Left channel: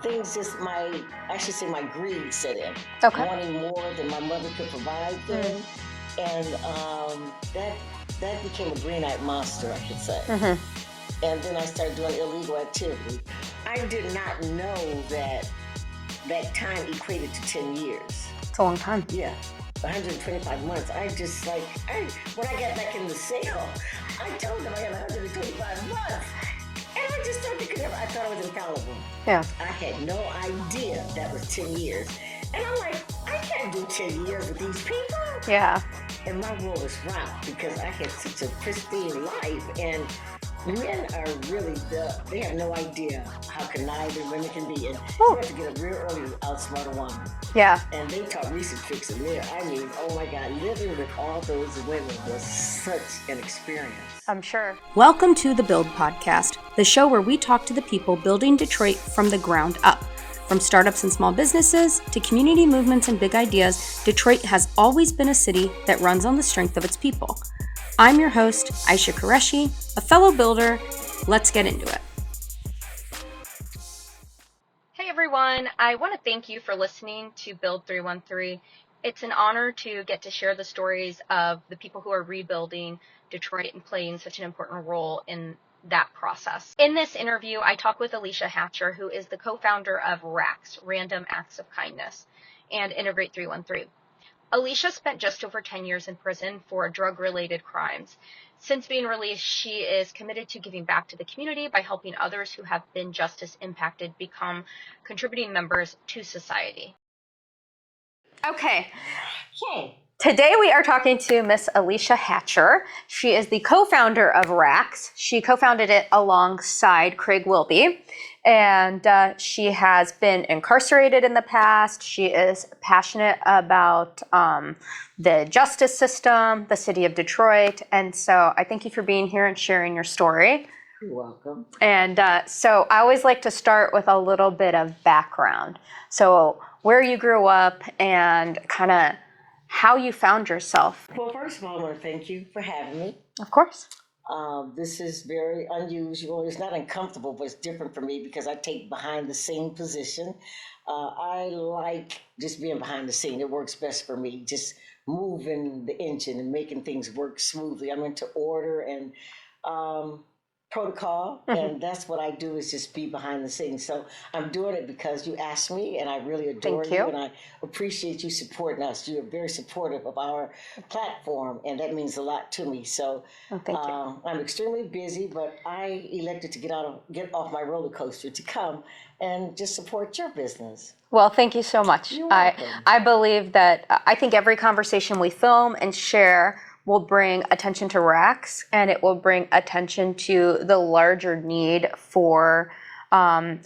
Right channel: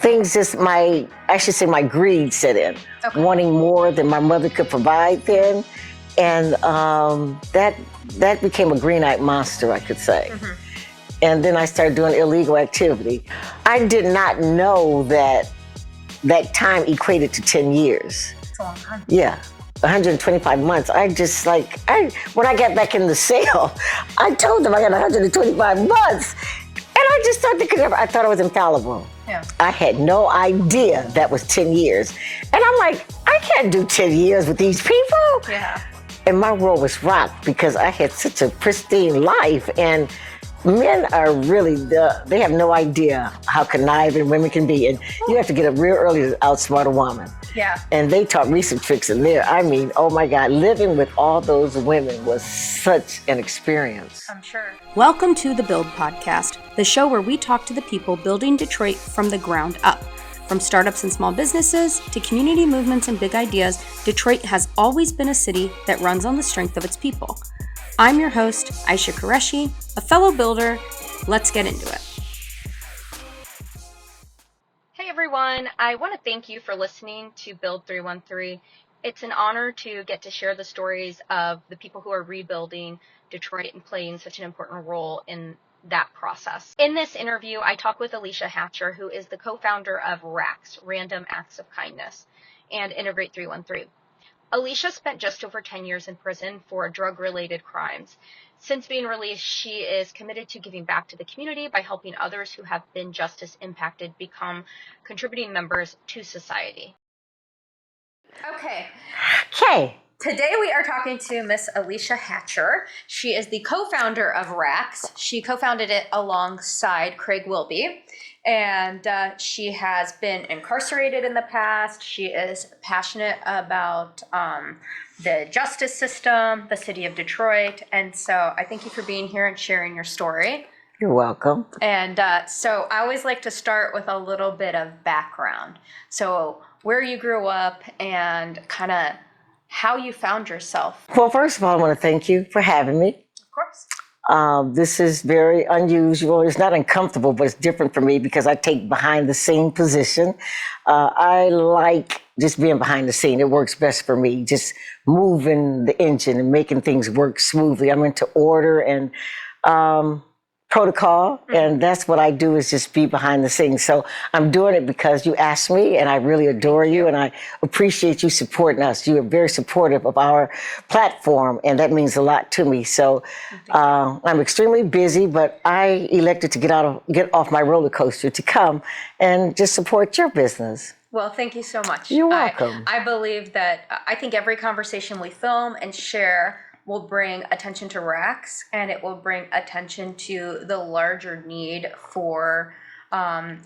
things I should say my greed set in, wanting more than my mother could provide then. And that became a green-eyed monster, I could say. And then I started doing illegal activity. I did not know that time equated to 10 years. It's a long time. Yeah, 125 months. When I got back in the cell, I told them I got 125 months. And I just started thinking, I thought I was infallible. Yeah. I had no idea that was 10 years. And I'm like, I can't do 10 years with these people. Yeah. And my world was rocked because I had such a pristine life. And men are really, they have no idea how conniving women can be. And you have to get up real early to outsmart a woman. Yeah. And they taught me some tricks in there. I mean, oh my God, living with all those women was such an experience. I'm sure. Welcome to the Build Podcast, the show where we talk to the people building Detroit from the ground up. From startups and small businesses to community movements and big ideas, Detroit has always been a city that runs on the strength of its people. I'm your host, Ayesha Qureshi, a fellow builder. Let's get into it. Hey everyone, I want to thank you for listening to Build 313. It's an honor to get to share the stories of the people who are rebuilding Detroit and playing such an important role in that process. In this interview, I talk with Alicia Hatcher, who is the co-founder of RAKs, Random Acts of Kindness, and Integrate 313. Alicia spent just over 10 years in prison for drug-related crimes. Since being released, she is committed to giving back to the community by helping others who have been justice impacted become contributing members to society. Okay. Today we are talking to Miss Alicia Hatcher. She is the co-founder of RAKs. She co-founded it alongside Craig Wilby, and she has been incarcerated in the past. She is passionate about the justice system, the city of Detroit, and so I thank you for being here and sharing your story. You're welcome. And so I always like to start with a little bit of background. So where you grew up and kind of how you found yourself. Well, first of all, I want to thank you for having me. Of course. This is very unusual. It's not uncomfortable, but it's different for me because I take behind the scene position. I like just being behind the scene. It works best for me, just moving the engine and making things work smoothly. I'm into order and protocol, and that's what I do, is just be behind the scenes. So I'm doing it because you asked me, and I really adore you, and I appreciate you supporting us. You are very supportive of our platform, and that means a lot to me. So I'm extremely busy, but I elected to get off my roller coaster to come and just support your business. Well, thank you so much. You're welcome. I believe that I think every conversation we film and share will bring attention to RAKs, and it will bring attention to the larger need for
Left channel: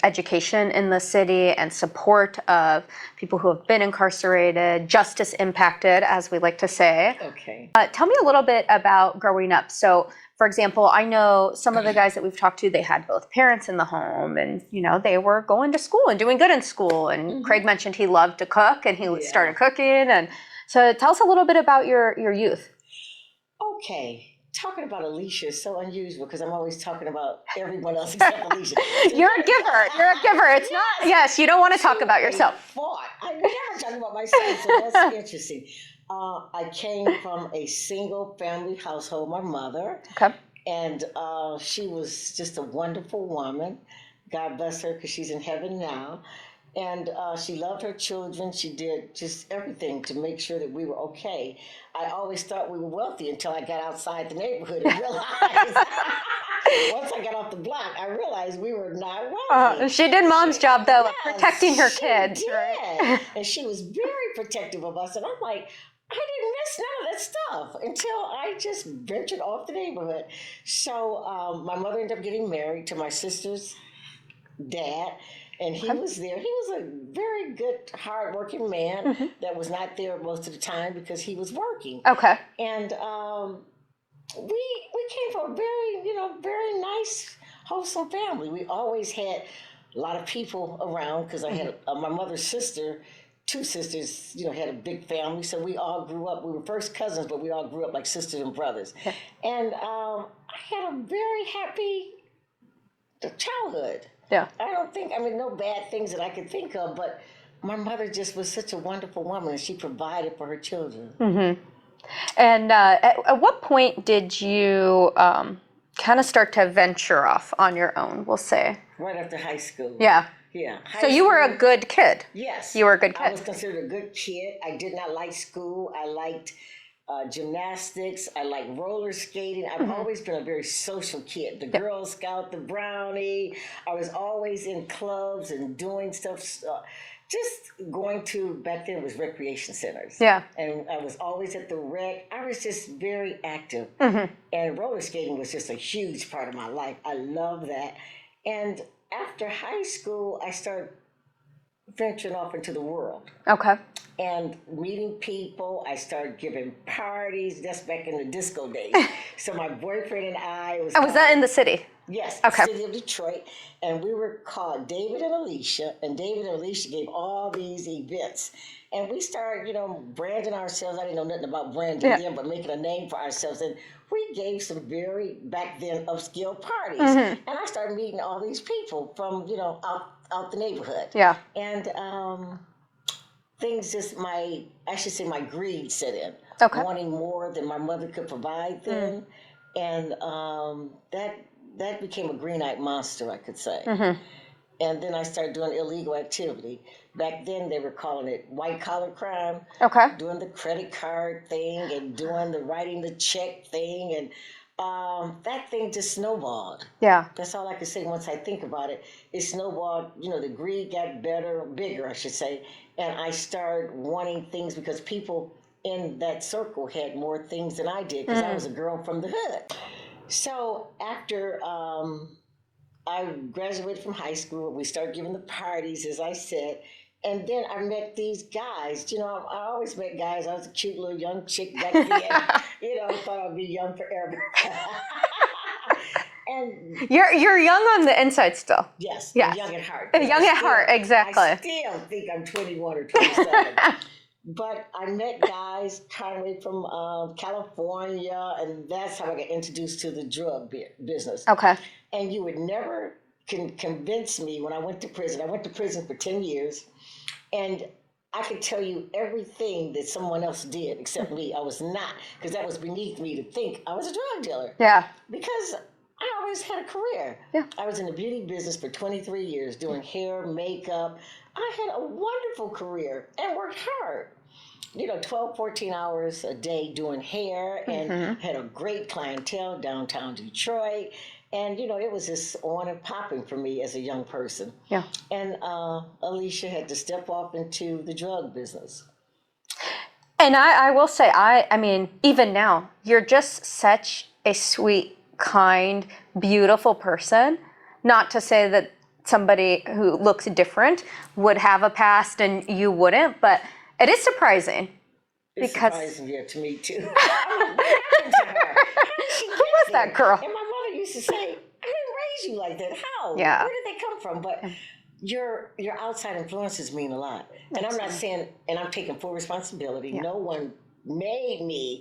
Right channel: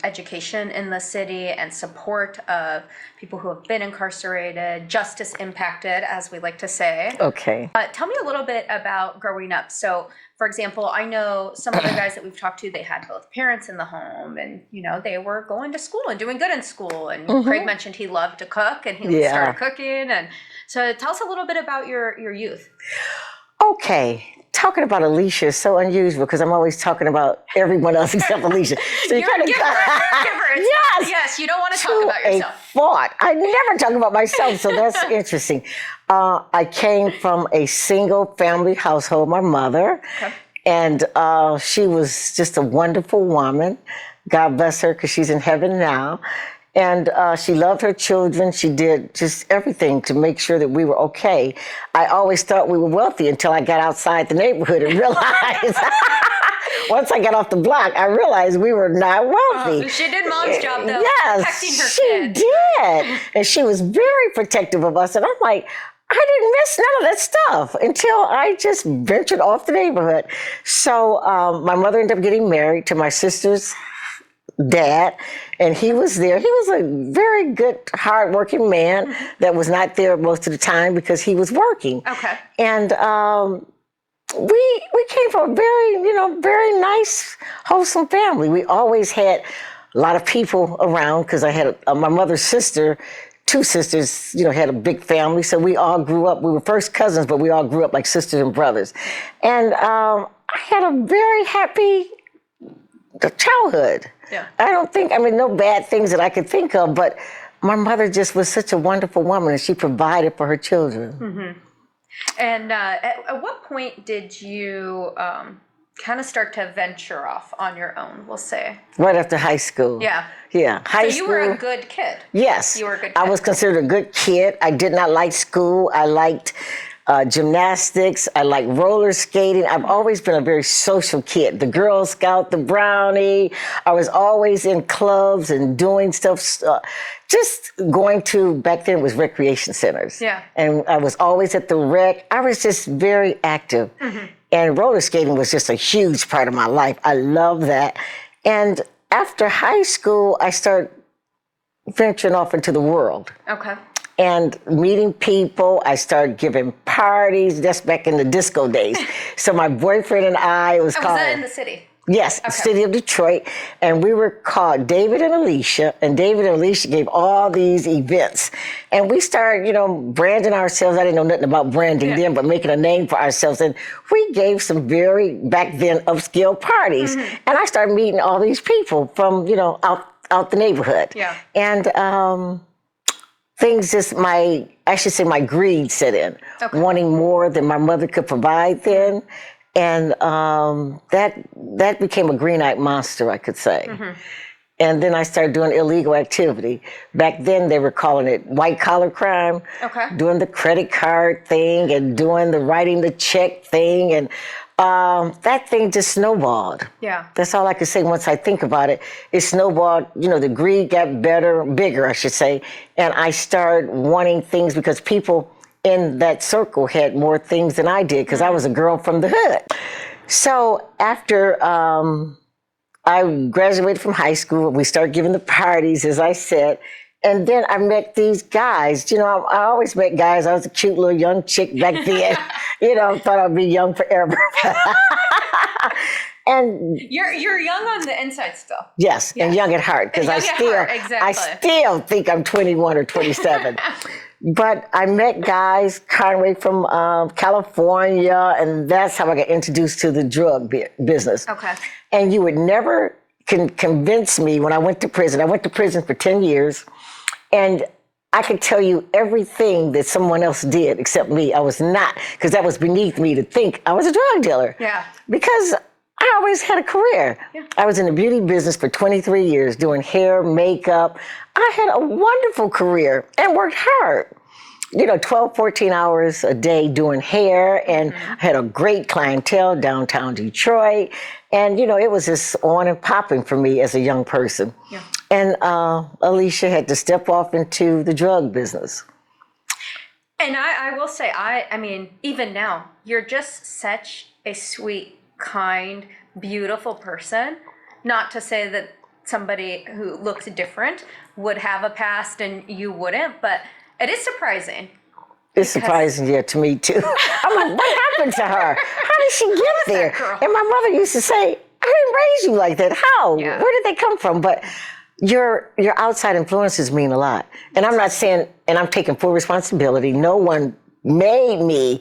education in the city and support of people who have been incarcerated, justice impacted, as we like to say. Okay. Tell me a little bit about growing up. So, for example, I know some of the guys that we've talked to, they had both parents in the home, and they were going to school and doing good in school. And Craig mentioned he loved to cook, and he started cooking. And so tell us a little bit about your youth. Okay. Talking about Alicia is so unusual because I'm always talking about everyone else except Alicia. So You're a giver. Yes, you don't want to talk about yourself. I never talk about myself, so that's interesting. I came from a single family household, my mother, and she was just a wonderful woman. God bless her, because she's in heaven now. And she loved her children. She did just everything to make sure that we were okay. I always thought we were wealthy until I got outside the neighborhood and realized, once I got off the block, I realized we were not wealthy. She did mom's job, though, protecting her kids. She did. And she was very protective of us. And I'm like, I didn't miss none of that stuff until I just ventured off the neighborhood. So my mother ended up getting married to my sister's dad, and he was there. He was a very good, hardworking man that was not there most of the time because he was working. Okay. And we came from a very nice, wholesome family. We always had a lot of people around because I had my mother's sister. Two sisters, had a big family, so we all grew up. We were first cousins, but we all grew up like sisters and brothers. And I had a very happy childhood. Yeah. I don't think, no bad things that I could think of, but my mother just was such a wonderful woman, and she provided for her children. Mm-hmm. And at what point did you kind of start to venture off on your own, we'll say? Right after high school. Yeah. Yeah. So you were a good kid. Yes. You were a good kid. I was considered a good kid. I did not like school. I liked gymnastics. I liked roller skating. I've always been a very social kid. The Girl Scout, the Brownie. I was always in clubs and doing stuff. Just going to, back then it was recreation centers. Yeah. And I was always at the rec. I was just very active. Mm-hmm. And roller skating was just a huge part of my life. I love that. And after high school, I started venturing off into the world. Okay. And meeting people. I started giving parties. That's back in the disco days. So my boyfriend and I, it was called... Was that in the city? Yes, okay. City of Detroit. And we were called David and Alicia. And David and Alicia gave all these events. And we started, branding ourselves. I didn't know nothing about branding then, but making a name for ourselves. And we gave some very, back then, upscale parties. Mm-hmm. And I started meeting all these people from, out the neighborhood. Yeah. And things just, my greed set in. Okay. Wanting more than my mother could provide then. Mm-hmm. And that became a green-eyed monster, I could say. Mm-hmm. And then I started doing illegal activity. Back then, they were calling it white-collar crime. Okay. Doing the credit card thing and doing the writing the check thing. And that thing just snowballed. Yeah. That's all I can say once I think about it. It snowballed, the greed got bigger, I should say. And I started wanting things because people in that circle had more things than I did because I was a girl from the hood. So after I graduated from high school, we started giving the parties, as I said, and then I met these guys. I always met guys. I was a cute little young chick back then. Thought I'd be young forever. And you're young on the inside still. Yes, and young at heart. Because exactly. I still think I'm 21 or 27. But I met guys, Conway from California, and that's how I got introduced to the drug business. Okay. And you would never convince me when I went to prison. I went to prison for 10 years, and I could tell you everything that someone else did except me. I was not, because that was beneath me to think I was a drug dealer. Yeah. Because I always had a career. Yeah. I was in the beauty business for 23 years, doing hair, makeup. I had a wonderful career and worked hard. 12, 14 hours a day doing hair, and I had a great clientele downtown Detroit. And, it was just on and popping for me as a young person. Yeah. And Alicia had to step off into the drug business. And I will say, I mean, even now, you're just such a sweet, kind, beautiful person. Not to say that somebody who looks different would have a past and you wouldn't, but it is surprising. It's surprising, to me too. I'm like, what happened to her? How did she get there? That girl? And my mother used to say, I didn't raise you like that. How? Yeah. Where did they come from? But your outside influences mean a lot. And I'm not saying, and I'm taking full responsibility. No one made me.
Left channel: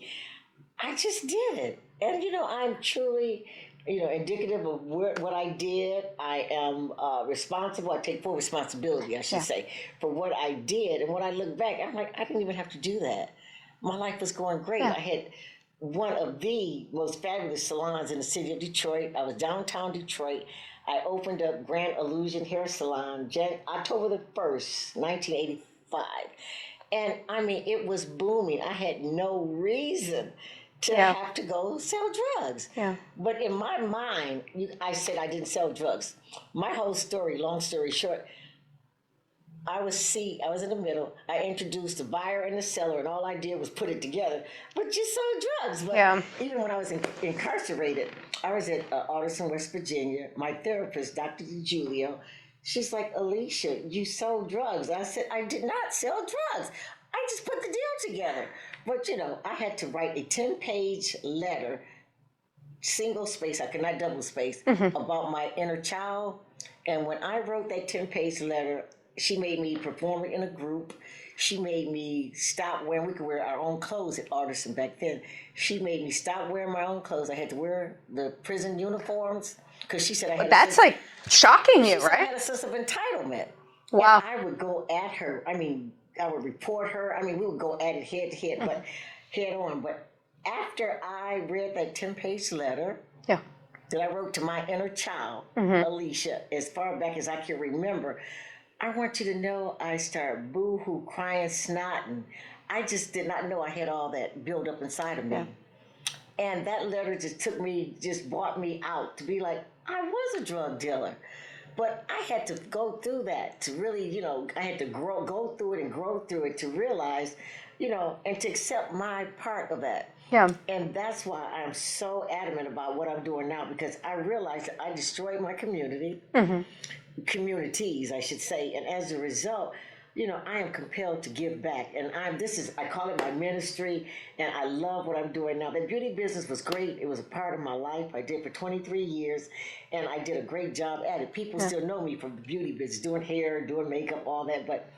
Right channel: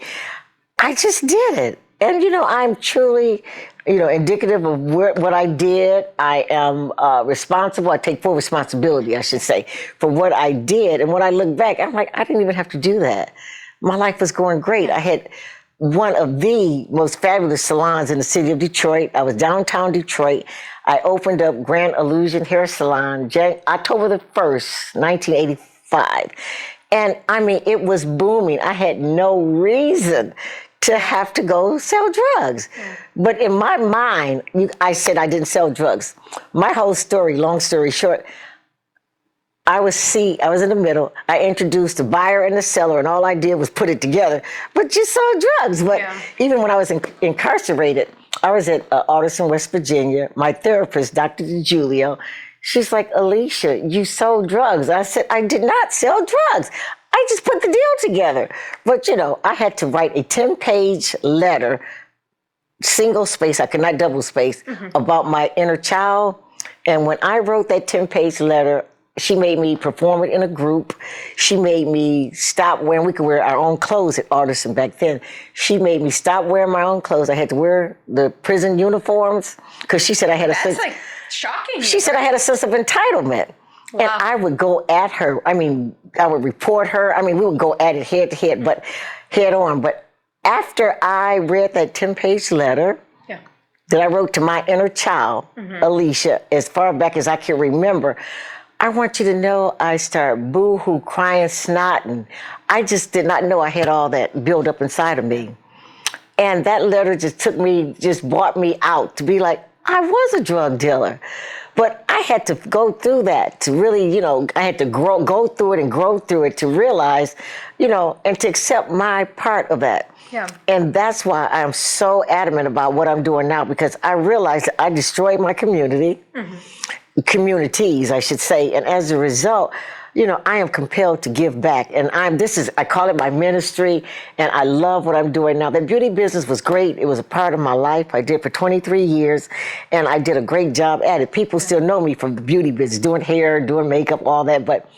I just did it. And, I'm truly, indicative of what I did. I am responsible. I take full responsibility, I should say, for what I did. And when I look back, I'm like, I didn't even have to do that. My life was going great. I had one of the most fabulous salons in the city of Detroit. I was downtown Detroit. I opened up Grand Illusion Hair Salon October the 1st, 1985. And it was booming. I had no reason to have to go sell drugs. Yeah. But in my mind, I said I didn't sell drugs. My whole story, long story short, I was in the middle. I introduced the buyer and the seller, and all I did was put it together. But just sold drugs. But even when I was incarcerated, I was at Alderson, West Virginia. My therapist, Dr. DiGiulio, she's like, Alicia, you sold drugs. I said, I did not sell drugs. I just put the deal together. But, I had to write a 10-page letter, single space, I could not double space, about my inner child. And when I wrote that 10-page letter, she made me perform it in a group. She made me stop wearing, we could wear our own clothes at Alderson back then. She made me stop wearing my own clothes. I had to wear the prison uniforms because she said I had shocking. She said I had a sense of entitlement. Wow. And I would go at her. I mean, I would report her. I mean, we would go at it head to head, but head on. But after I read that 10-page letter that I wrote to my inner child, Alicia, as far back as I can remember, I want you to know I started boo-hoo, crying, snotting. I just did not know I had all that built up inside of me. And that letter just brought me out to be like, I was a drug dealer. But I had to go through that to really, I had to go through it and grow through it to realize, and to accept my part of that. Yeah. And that's why I'm so adamant about what I'm doing now, because I realized that I destroyed my communities, I should say. And as a result, I am compelled to give back. And I call it my ministry, and I love what I'm doing now. The beauty business was great. It was a part of my life. I did for 23 years, and I did a great job at it. People still know me from the beauty business, doing hair, doing makeup, all that. But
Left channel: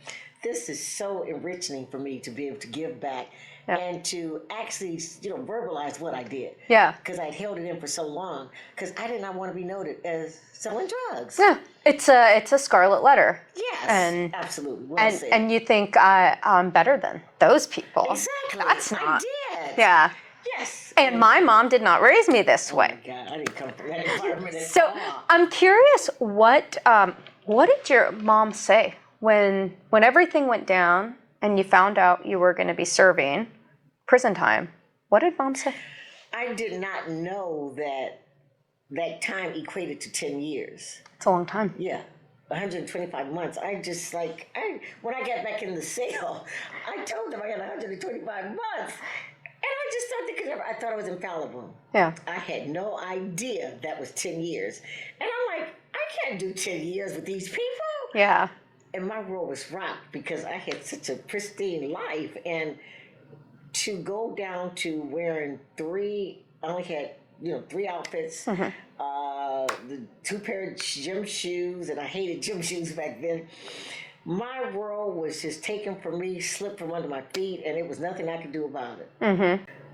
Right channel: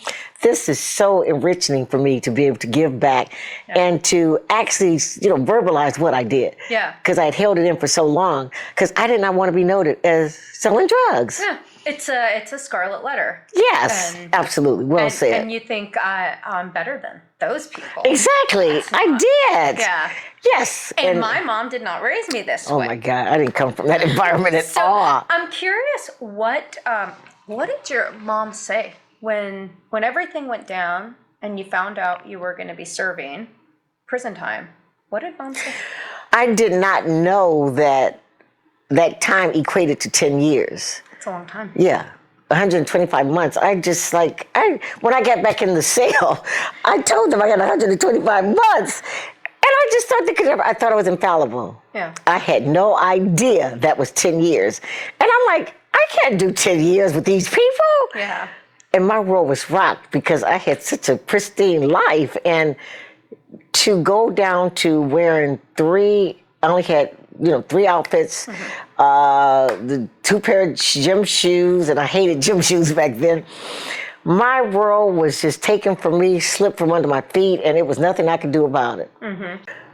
this is so enriching for me to be able to give back and to actually, verbalize what I did. Yeah. Because I had held it in for so long, because I did not want to be noted as selling drugs. Yeah. It's a scarlet letter. Yes, absolutely. Well said. And you think I'm better than those people. Exactly. I did. Yeah. Yes. And my mom did not raise me this way. Oh my God, I didn't come from that environment at all. I'm curious, what did your mom say when everything went down and you found out you were going to be serving prison time? What did mom say? I did not know that time equated to 10 years. It's a long time. Yeah. 125 months. When I got back in the cell, I told them I got 125 months. And I just I thought I was infallible. Yeah. I had no idea that was 10 years. And I'm like, I can't do 10 years with these people. Yeah. And my world was rocked because I had such a pristine life. And to go down to wearing I only had 3 outfits, the 2 pair of gym shoes, and I hated gym shoes back then. My world was just taken from me, slipped from under my feet, and it was nothing I could do about it.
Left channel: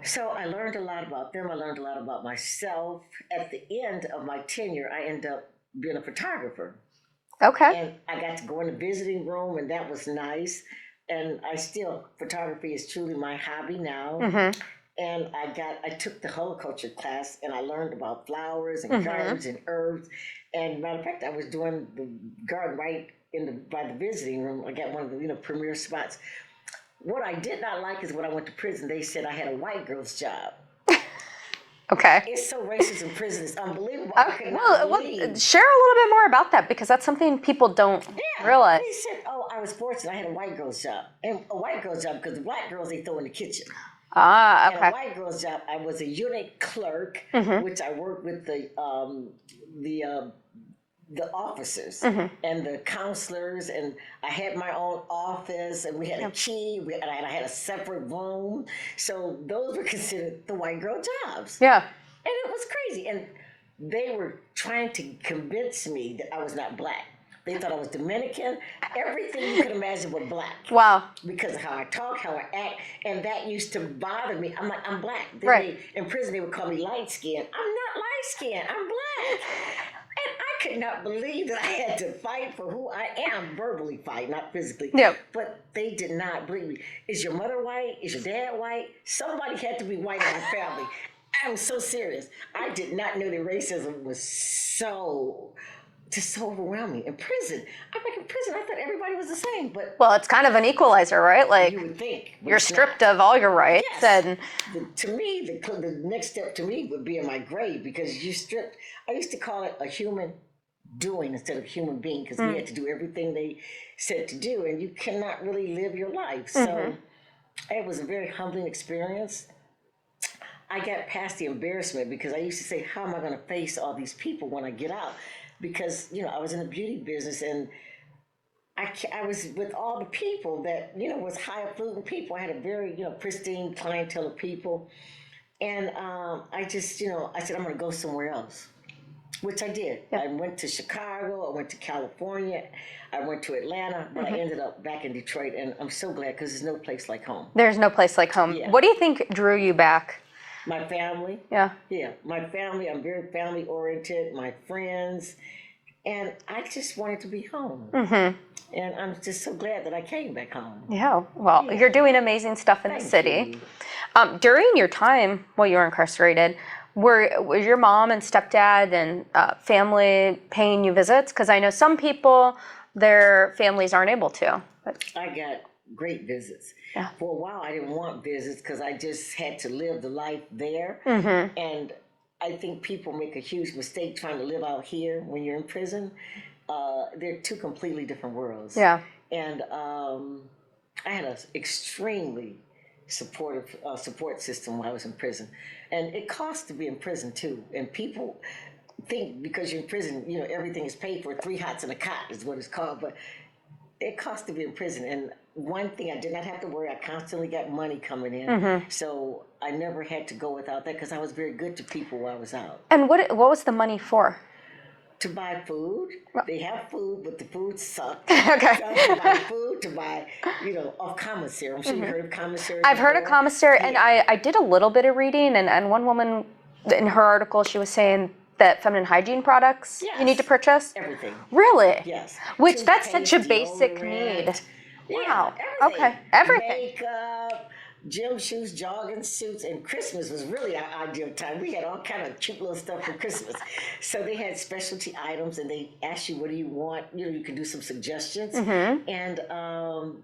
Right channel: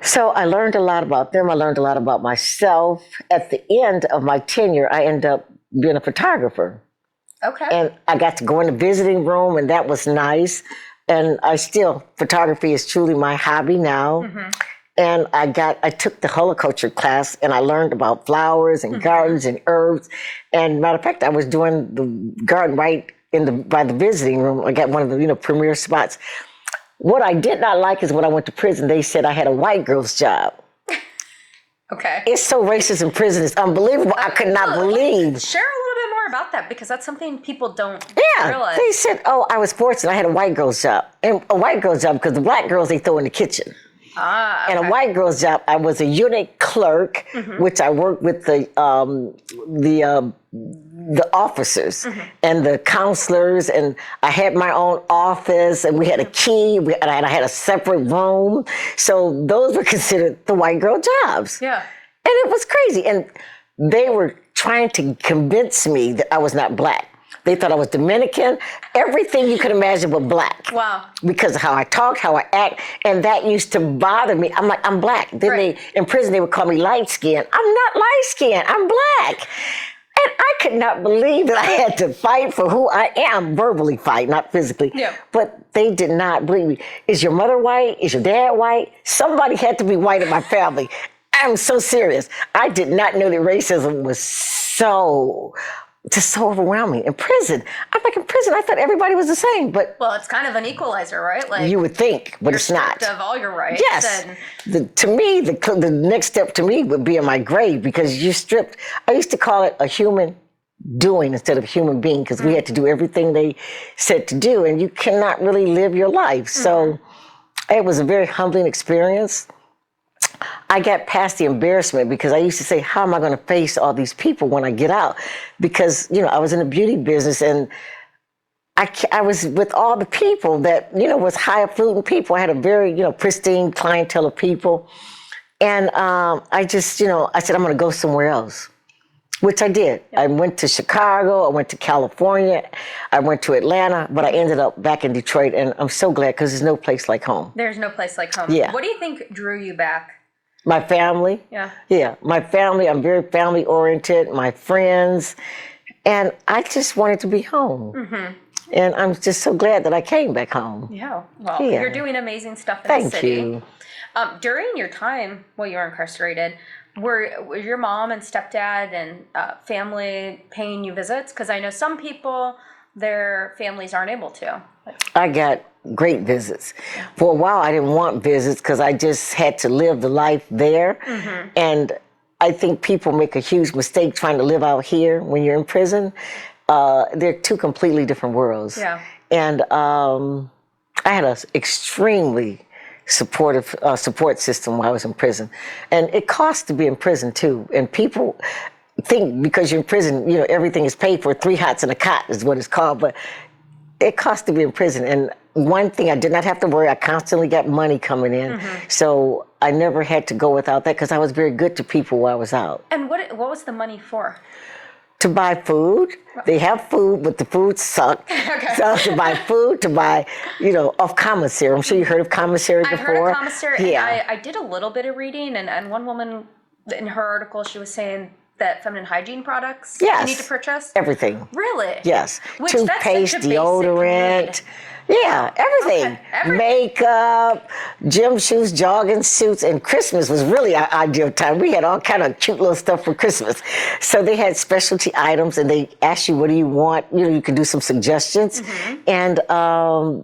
So I learned a lot about them. I learned a lot about myself. At the end of my tenure, I ended up being a photographer. Okay. And I got to go in the visiting room, and that was nice. And photography is truly my hobby now. And I took the horticulture class, and I learned about flowers and gardens and herbs. And matter of fact, I was doing the garden right by the visiting room. I got one of the premier spots. What I did not like is when I went to prison, they said I had a white girl's job. Okay. It's so racist in prison. It's unbelievable. I could not believe. Share a little bit more about that, because that's something people don't realize. They said, I was fortunate. I had a white girl's job. And a white girl's job because the black girls, they throw in the kitchen. Okay. And a white girl's job, I was a unit clerk, which I worked with the officers and the counselors, and I had my own office, and we had a key, and I had a separate room. So those were considered the white girl jobs. Yeah. And it was crazy. And they were trying to convince me that I was not black. They thought I was Dominican, everything you could imagine but black. Wow. Because of how I talk, how I act, and that used to bother me. I'm like, I'm black. Then in prison, they would call me light skinned. I'm not light skinned, I'm black. And I could not believe that I had to fight for who I am, verbally fight, not physically. Yeah. But they did not believe me. Is your mother white? Is your dad white? Somebody had to be white in my family. I'm so serious. I did not know that racism was so overwhelming. In prison, I'm like, in prison, I thought everybody was the same, but... Well, it's kind of an equalizer, right? Like, you would think, but it's not. You're stripped of all your rights. Yes. To me, the next step to me would be in my grave, because you're stripped. I used to call it a human doing instead of human being, because we had to do everything they said to do, and you cannot really live your life. So it was a very humbling experience. I got past the embarrassment, because I used to say, how am I going to face all these people when I get out? Because, I was in the beauty business, and I was with all the people that, was high-affluent people. I had a very, pristine clientele of people. And I just, I said, I'm going to go somewhere else, which I did. Yeah. I went to Chicago. I went to California. I went to Atlanta, but I ended up back in Detroit. And I'm so glad, because there's no place like home. There's no place like home. Yeah. What do you think drew you back? My family. Yeah. Yeah, my family. I'm very family oriented. My friends. And I just wanted to be home. And I'm just so glad that I came back home. Yeah, well, Yeah. you're doing amazing stuff in the city. Thank you. During your time while you were incarcerated, was your mom and stepdad and family paying you visits? Because I know some people, their families aren't able to. I got great visits. For a while, I didn't want visits because I just had to live the life there. And I think people make a huge mistake trying to live out here when you're in prison. They're two completely different worlds. Yeah. And I had an extremely supportive support system while I was in prison. And it costs to be in prison too. And people think because you're in prison, everything is paid for. 3 hots and a cot is what it's called. But it costs to be in prison. And one thing I did not have to worry, I constantly got money coming in. So I never had to go without that because I was very good to people while I was out. And what was the money for? To buy food. They have food, but the food sucked. Okay. So to buy food, to buy, of commissary. I'm sure you heard of commissary before. I've heard of commissary, Yeah. and I did a little bit of reading, and one woman in her article, she was saying that feminine hygiene products Yes. you need to purchase. Everything. Really? Yes. Which that's such a Toothpaste, basic deodorant. need. Yeah, everything. Okay. Makeup, gym shoes, jogging suits, and Christmas was really our ideal time. We had all kind of cute little stuff for Christmas. So they had specialty items, and they asked you, what do you want? You could do some suggestions. And I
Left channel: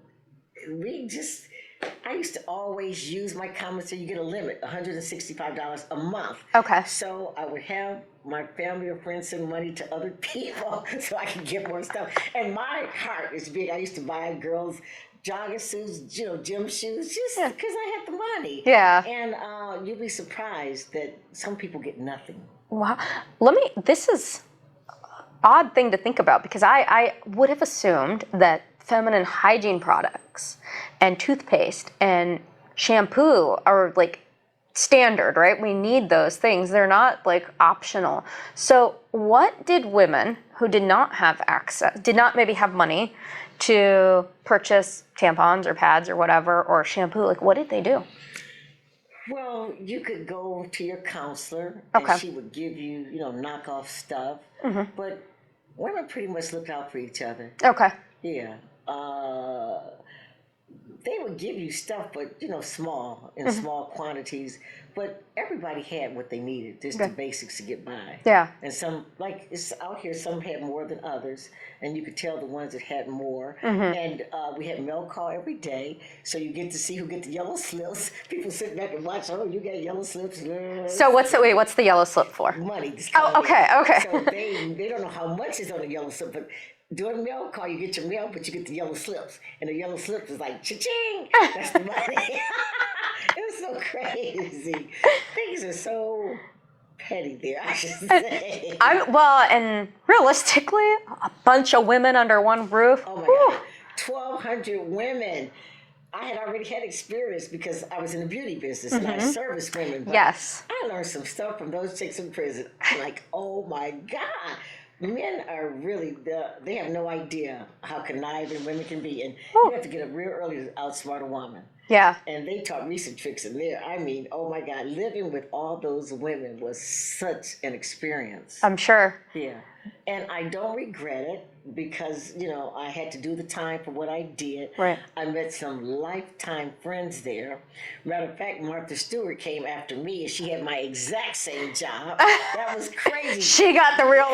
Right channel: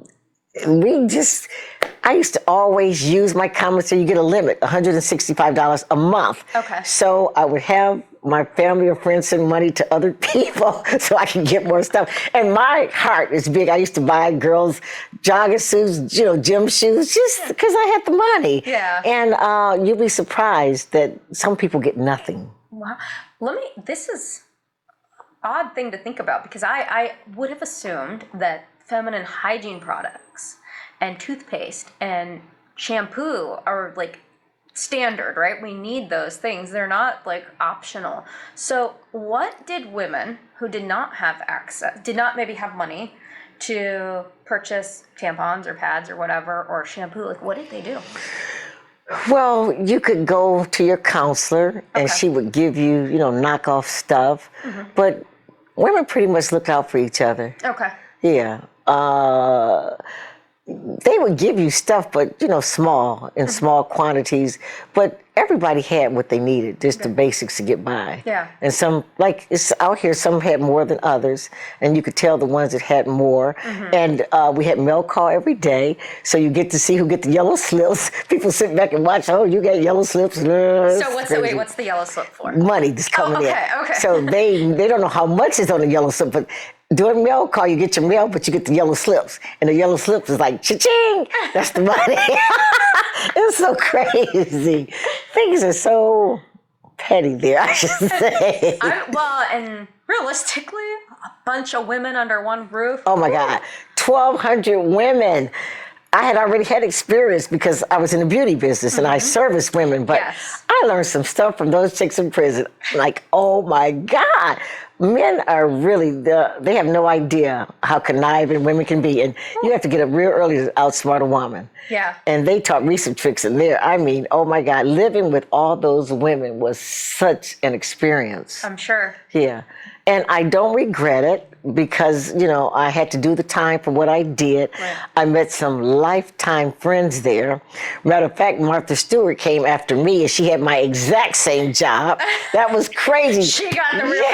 used to always use my commissary. You get a limit, $165 a month. Okay. So I would have my family or friends send money to other people so I can get more stuff. And my heart is big. I used to buy girls jogging suits, gym shoes, just because I had the money. Yeah. And you'll be surprised that some people get nothing. Wow. This is an odd thing to think about because I would have assumed that feminine hygiene products and toothpaste and shampoo are like standard, right? We need those things. They're not like optional. So what did women who did not have access, did not maybe have money to purchase tampons or pads or whatever, or shampoo, like what did they do? Well, you could go to your counselor and she would give you, knockoff stuff. But women pretty much look out for each other. Okay. Yeah. They would give you stuff, but, small, in small quantities. But everybody had what they needed, just the basics to get by. Yeah. And some, like it's out here, some had more than others. And you could tell the ones that had more. And we had mail call every day. So you get to see who get the yellow slips. People sit back and watch, oh, you got yellow slips. So what's the yellow slip for? Money that's coming in. Okay. So they don't know how much is on the yellow slip, but during mail call, you get your mail, but you get the yellow slips. And the yellow slips is like, cha-ching! That's the money. It's so crazy. Things are so petty there, I should say. And realistically, a bunch of women under one roof. Oh my God, 1,200 women. I had already had experience because I was in the beauty business and I serviced women, but I learned some stuff from those chicks in prison. Like, oh my God. Men are really, they have no idea how conniving women can be. And you have to get up real early to outsmart a woman. Yeah. And they taught me some tricks in there. I mean, oh my God, living with all those women was such an experience. I'm sure. Yeah. And I don't regret it because, I had to do the time for what I did. Right. I met some lifetime friends there. Matter of fact, Martha Stewart came after me and she had my exact same job. That was crazy. She got the real job.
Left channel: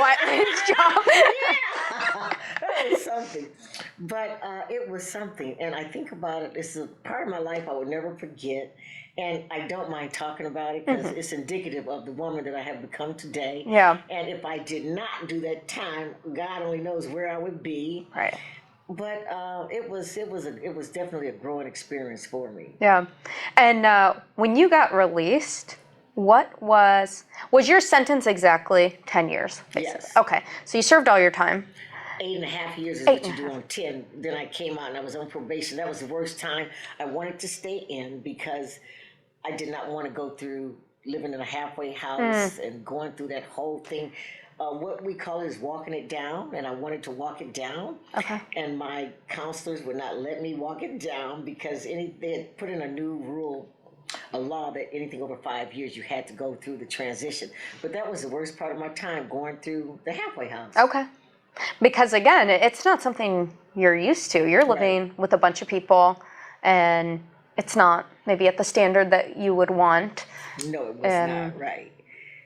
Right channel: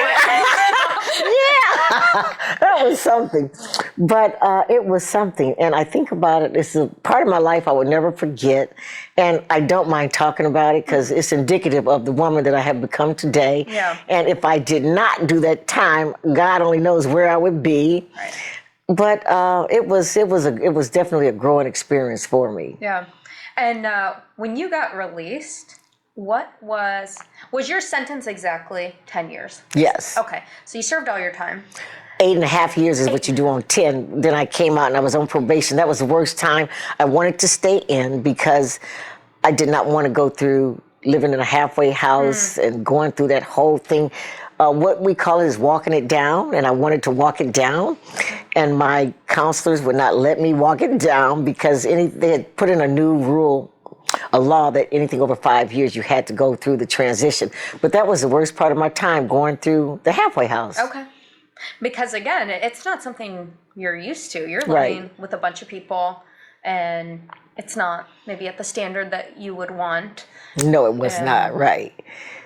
Yeah, that was something. But it was something. And I think about it, it's a part of my life I would never forget. And I don't mind talking about it because it's indicative of the woman that I have become today. Yeah. And if I did not do that time, God only knows where I would be. Right. But it was definitely a growing experience for me. Yeah. And when you got released, was your sentence exactly 10 years? Yes. Okay. So you served all your time. 8.5 years is what you do on 10. Then I came out and I was on probation. That was the worst time. I wanted to stay in because I did not want to go through living in a halfway house and going through that whole thing. What we call it is walking it down, and I wanted to walk it down. Okay. And my counselors would not let me walk it down because they had put in a new rule, a law that anything over 5 years you had to go through the transition. But that was the worst part of my time, going through the halfway house. Okay. Because again, it's not something you're used to. You're living with a bunch of people, and it's not maybe at the standard that you would want. No, it was not, right.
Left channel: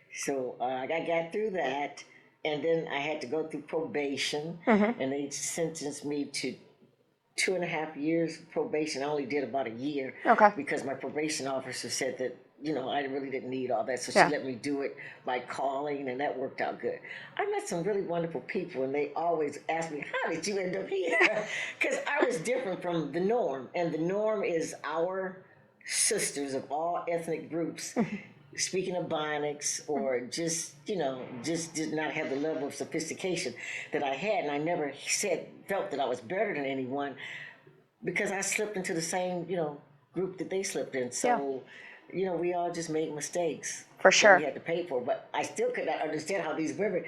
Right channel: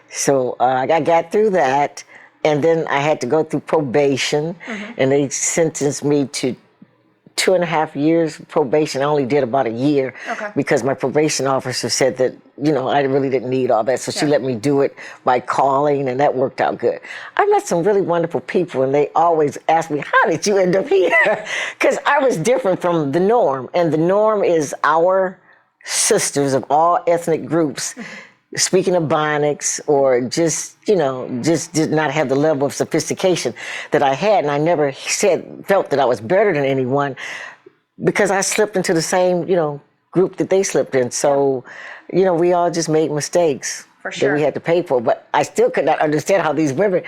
So I got through that, and then I had to go through probation, and they sentenced me to 2.5 years probation. I only did about a year because my probation officer said that, I really didn't need all that. So she let me do it by calling, and that worked out good. I met some really wonderful people, and they always ask me, how did you end up here? Because I was different from the norm. And the norm is our sisters of all ethnic groups speaking of Bionics, or just did not have the level of sophistication that I had. And I never felt that I was better than anyone because I slipped into the same, group that they slipped in. So, we all just made mistakes that we had to pay for. But I still could not understand how these women,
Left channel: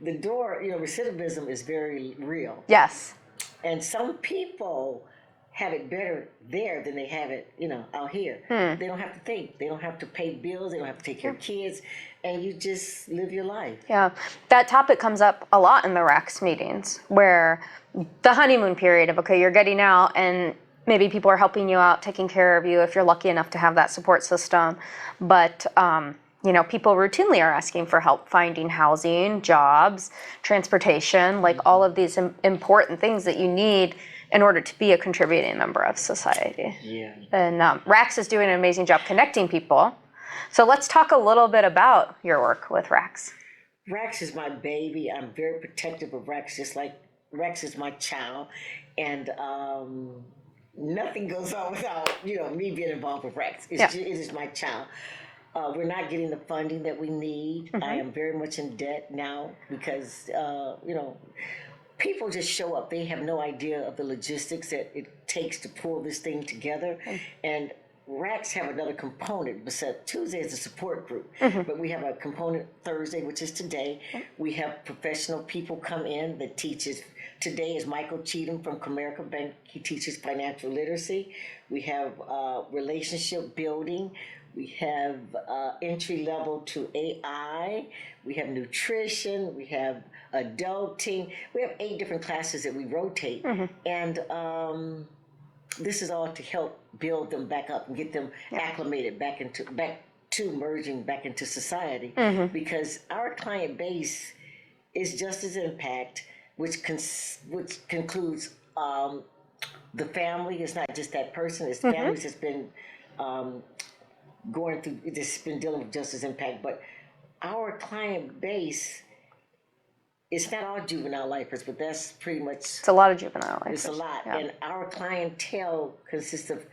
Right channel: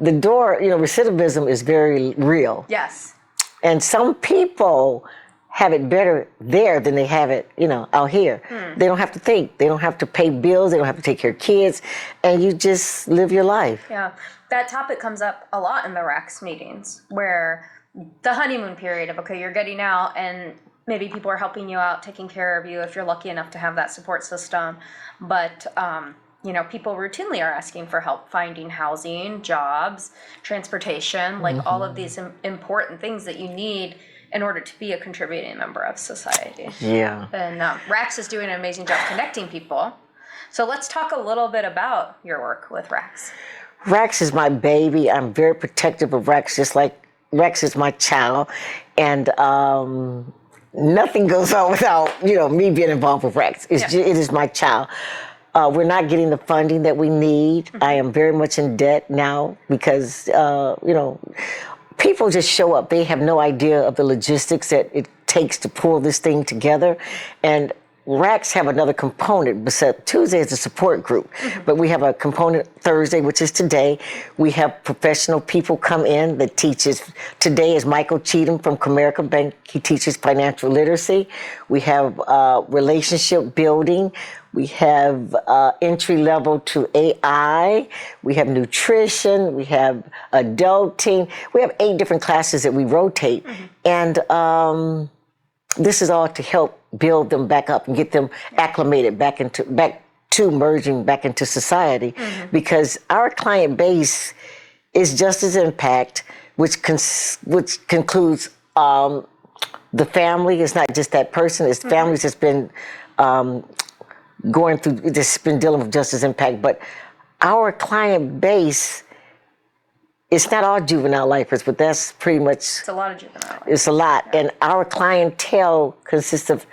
recidivism is very real. Yes. And some people have it better there than they have it, out here. They don't have to think. They don't have to pay bills. They don't have to take care of kids. And you just live your life. Yeah. That topic comes up a lot in the RAKs meetings, where the honeymoon period of, okay, you're getting out, and maybe people are helping you out, taking care of you if you're lucky enough to have that support system. But, people routinely are asking for help finding housing, jobs, transportation, like all of these important things that you need in order to be a contributing member of society. Yeah. And RAKs is doing an amazing job connecting people. So let's talk a little bit about your work with RAKs. RAKs is my baby. I'm very protective of RAKs, just like RAKs is my child. And nothing goes on without, me being involved with RAKs. It is my child. We're not getting the funding that we need. I am very much in debt now because, people just show up. They have no idea of the logistics that it takes to pull this thing together. And RAKs have another component. Besides, Tuesday is a support group, but we have a component Thursday, which is today. We have professional people come in that teaches. Today is Michael Cheatham from Comerica Bank. He teaches financial literacy. We have relationship building. We have entry level to AI. We have nutrition. We have adulting. We have 8 different classes that we rotate. And this is all to help build them back up and get them acclimated back to merging back into society. Because our client base is Justice Impact, which concludes the family. It's not just that person. It's families that's been going through, just been dealing with Justice Impact. But our client base, it's not all juvenile lifers, but that's pretty much. It's a lot of juvenile lifers. It's a lot. Yeah. And our clientele consists of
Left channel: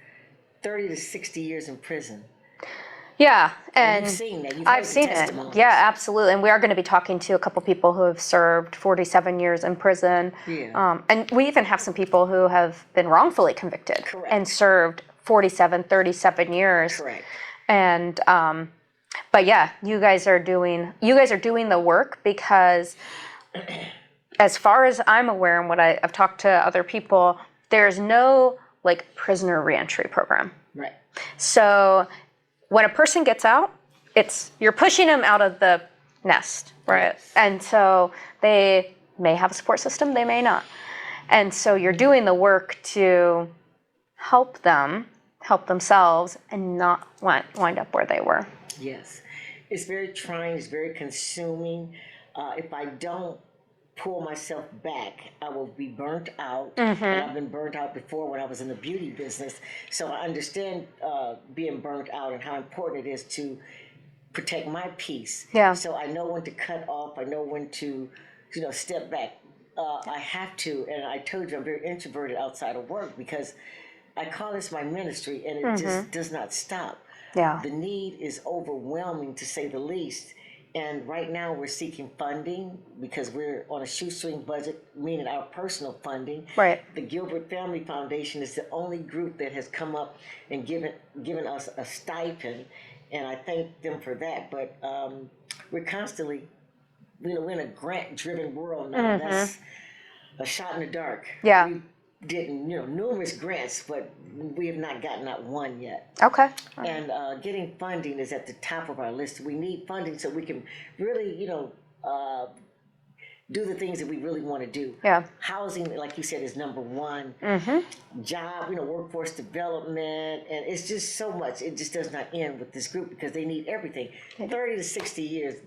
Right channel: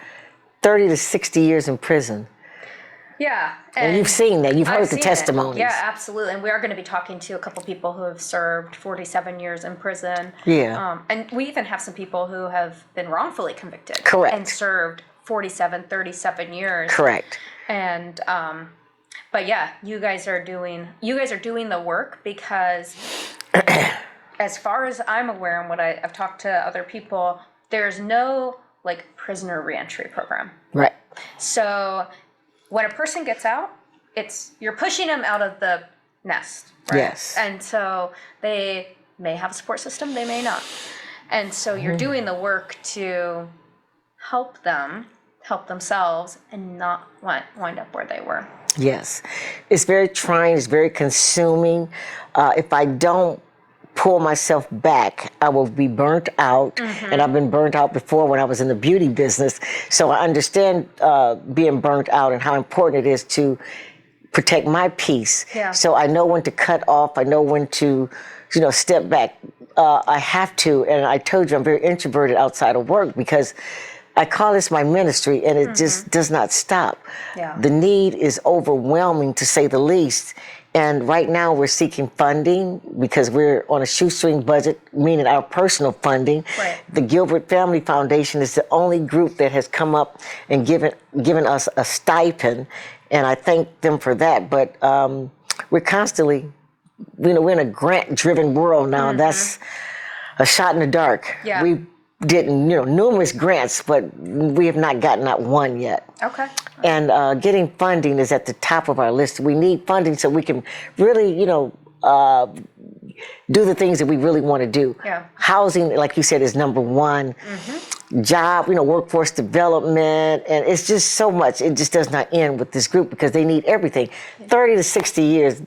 30 to 60 years in prison. Yeah. And you've seen that. You've heard the testimonies. Yeah, absolutely. And we are going to be talking to a couple people who have served 47 years in prison. Yeah. And we even have some people who have been wrongfully convicted. Correct. And served 47, 37 years. Correct. And, but yeah, you guys are doing the work because as far as I'm aware and what I've talked to other people, there's no prisoner reentry program. Right. So when a person gets out, you're pushing them out of the nest, right? Yes. And so they may have a support system, they may not. And so you're doing the work to help themselves and not wind up where they were. Yes. It's very trying, it's very consuming. If I don't pull myself back, I will be burnt out. And I've been burnt out before when I was in the beauty business. So I understand being burnt out and how important it is to protect my peace. Yeah. So I know when to cut off. I know when to, step back. I have to, and I told you I'm very introverted outside of work because I call this my ministry, and it just does not stop. Yeah. The need is overwhelming, to say the least. And right now we're seeking funding because we're on a shoestring budget, meaning our personal funding. Right. The Gilbert Family Foundation is the only group that has come up and given us a stipend, and I thank them for that. But we're constantly, we're in a grant-driven world now, and that's a shot in the dark. Yeah. We did numerous grants, but we have not gotten out one yet. Okay. And getting funding is at the top of our list. We need funding so we can really, do the things that we really want to do. Yeah. Housing, like you said, is number one. Job, workforce development, and it's just so much. It just does not end with this group because they need everything. 30 to 60 years,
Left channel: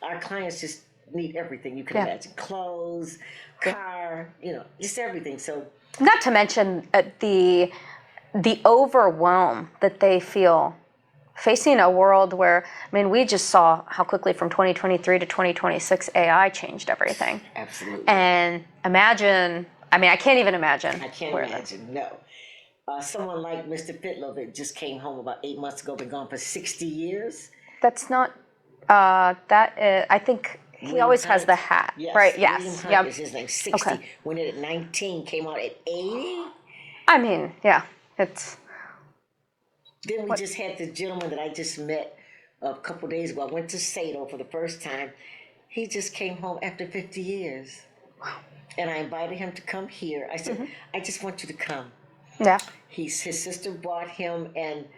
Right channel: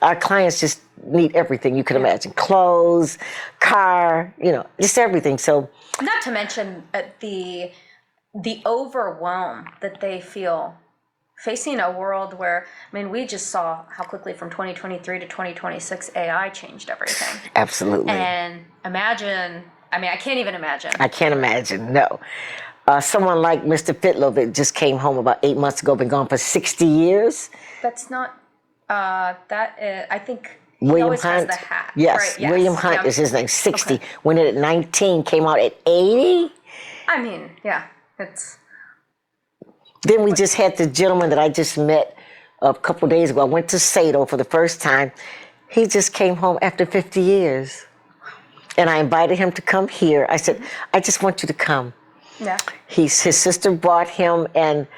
our clients just need everything you can imagine. Clothes, car, just everything. So, not to mention the overwhelm that they feel facing a world where, we just saw how quickly from 2023 to 2026 AI changed everything. Absolutely. And imagine, I can't even imagine. I can't imagine, no. Someone like Mr. Fitlow that just came home about 8 months ago, been gone for 60 years. That's not, I think he William always Hunt. has the hat. Yes, right? Yes. William Hunt is his name, 60. Okay. Went in at 19, came out at 80. Yeah, it's... Then we just had the gentleman that I just met a couple days ago. I went to Sado for the first time. He just came home after 50 years. And I invited him to come here. I said, I just want you to come. Yeah. His sister brought him, and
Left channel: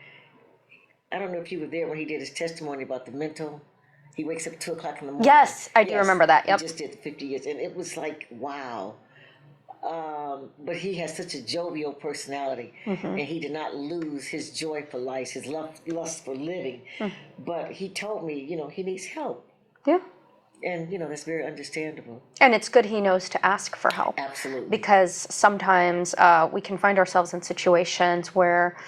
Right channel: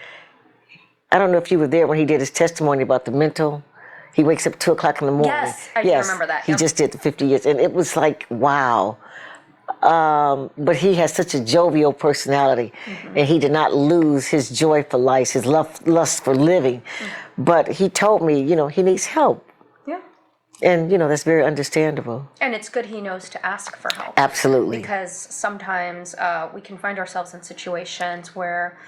I don't know if you were there when he did his testimony about the mental. He wakes up at 2 o'clock in the morning. Yes, I do remember that. He just did the 50 years, and it was like, wow. But he has such a jovial personality, and he did not lose his joy for life, his lust for living. But he told me, he needs help. Yeah. And, that's very understandable. And it's good he knows to ask for help. Absolutely. Because sometimes we can find ourselves in situations where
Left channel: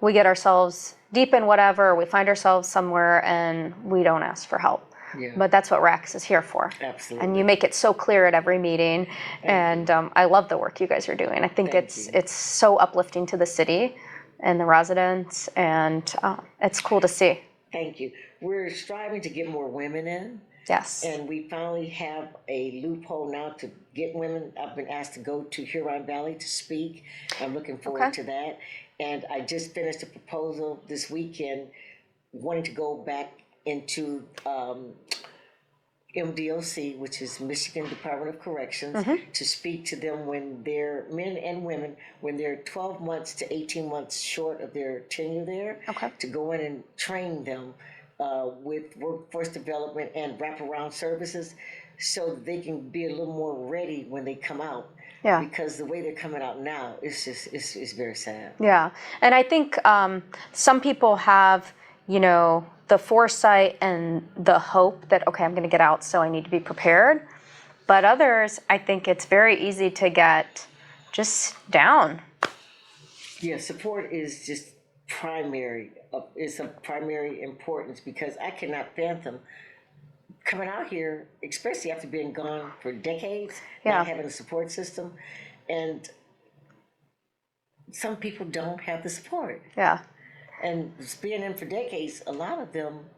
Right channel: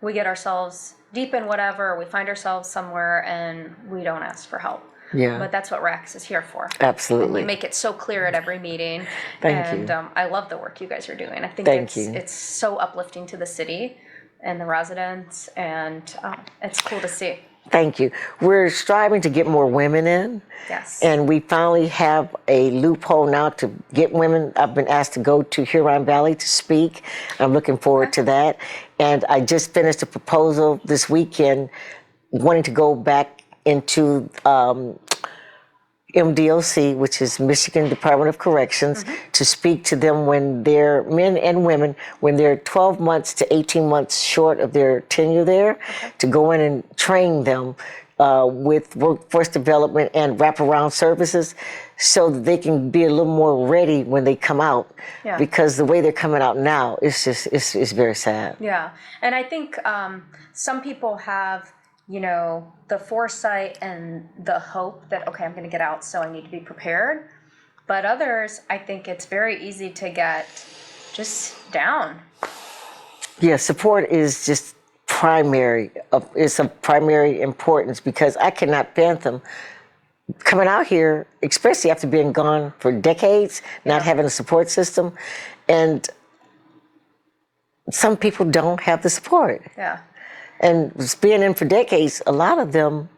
we get ourselves deep in whatever, we find ourselves somewhere and we don't ask for help. Yeah. But that's what RAKs is here for. Absolutely. And you make it so clear at every meeting. Thank you. I love the work you guys are doing. I think it's so uplifting to the city and the residents, and it's cool to see. Thank you. We're striving to get more women in. Yes. And we finally have a loophole now to get women. I've been asked to go to Huron Valley to speak. I'm looking forward to that. And I just finished a proposal this weekend wanting to go back into MDOC, which is Michigan Department of Corrections, to speak to them when they're men and women, when they're 12 months to 18 months short of their tenure there, to go in and train them with workforce development and wraparound services so that they can be a little more ready when they come out. Yeah. Because the way they're coming out now, it's very sad. Yeah. And I think some people have, the foresight and the hope that, okay, I'm going to get out, so I need to be prepared. But others, I think it's very easy to get just down. Yeah, support is just primary. It's of primary importance because I cannot fathom coming out here, especially after being gone for decades, not having a support system. And some people don't have the support. Yeah. And being in for decades, a lot of them